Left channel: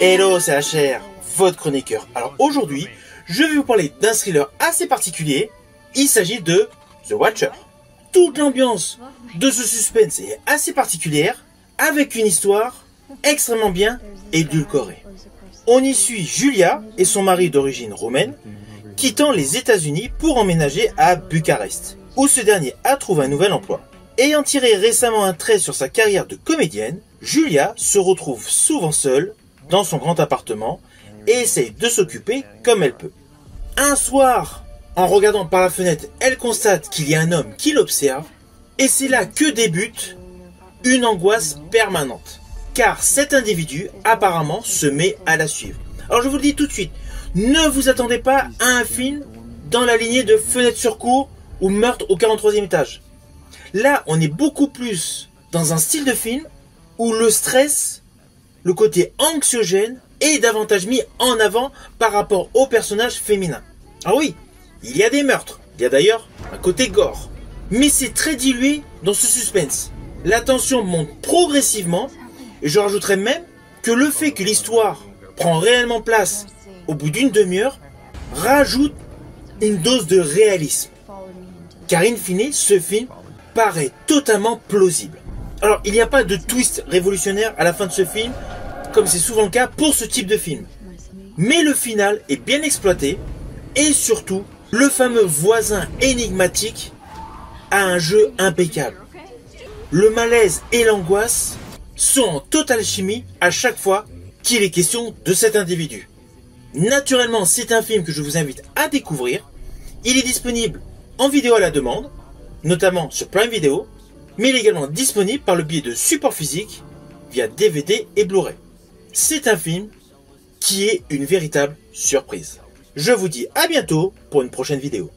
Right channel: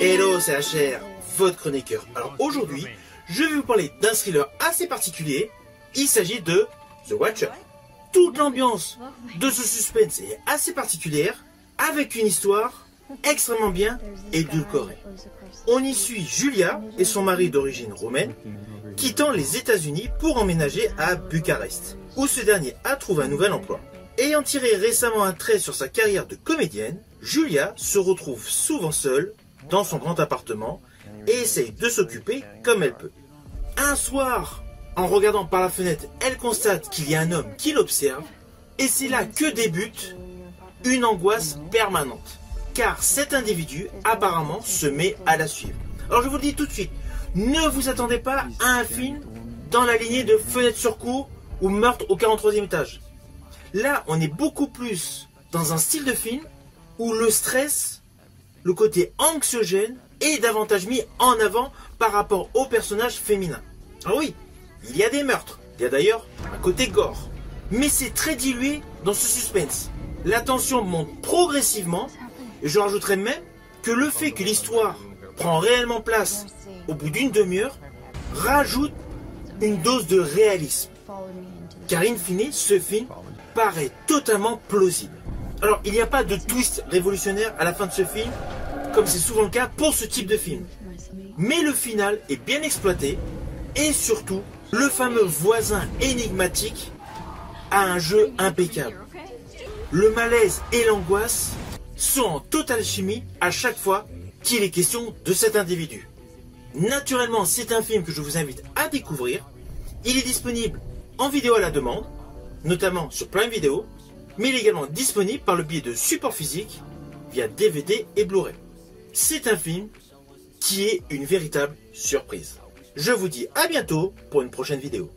Hello, c'est HR, votre chroniqueur. Alors aujourd'hui, je vais vous parler d'un thriller assez particulier. Il s'agit de The Watcher. Toute l'ambiance de ce suspense est assez particulière, avec une histoire extrêmement bien édulcorée. On y suit Julia et son mari d'origine roumaine, quittant les États-Unis pour emménager à Bucarest, où ce dernier a trouvé un nouvel emploi. Ayant tiré récemment un trait sur sa carrière de comédienne, Julia se retrouve souvent seule dans son grand appartement et essaye de s'occuper comme elle peut. Un soir, en regardant par la fenêtre, elle constate qu'il y a un homme qui l'observe et c'est là que débute une angoisse permanente. Car cet individu apparemment se met à la suivre. Alors je vous le dis tout de suite, ne vous attendez pas à un film dans la lignée de Fenêtre sur cour ou Meurtre au 43e étage. Là, on est beaucoup plus dans un style de film où le stress, le côté anxiogène est davantage mis en avant par rapport au personnage féminin. Alors oui, il y a des meurtres, il y a d'ailleurs un côté gore, mais c'est très dilué dans ce suspense. La tension monte progressivement et je rajouterais même que le fait que l'histoire prend réellement place au bout d'une demi-heure rajoute une dose de réalisme. Car in fine, ce film paraît totalement plausible. Alors, il n'y a pas de twist révolutionnaire à la fin de ce film, comme c'est souvent le cas pour ce type de film. Mais le final est bien exploité, et surtout, le fameux voisin énigmatique a un jeu impeccable. Le malaise et l'angoisse sont en totale chimie à chaque fois qu'il est question de cet individu. Naturellement, c'est un film que je vous invite à découvrir. Il est disponible en vidéo à la demande, notamment sur Prime Video, mais il est également disponible par le biais de supports physiques via DVD et Blu-ray. C'est un film qui est une véritable surprise. Je vous dis à bientôt pour une prochaine vidéo.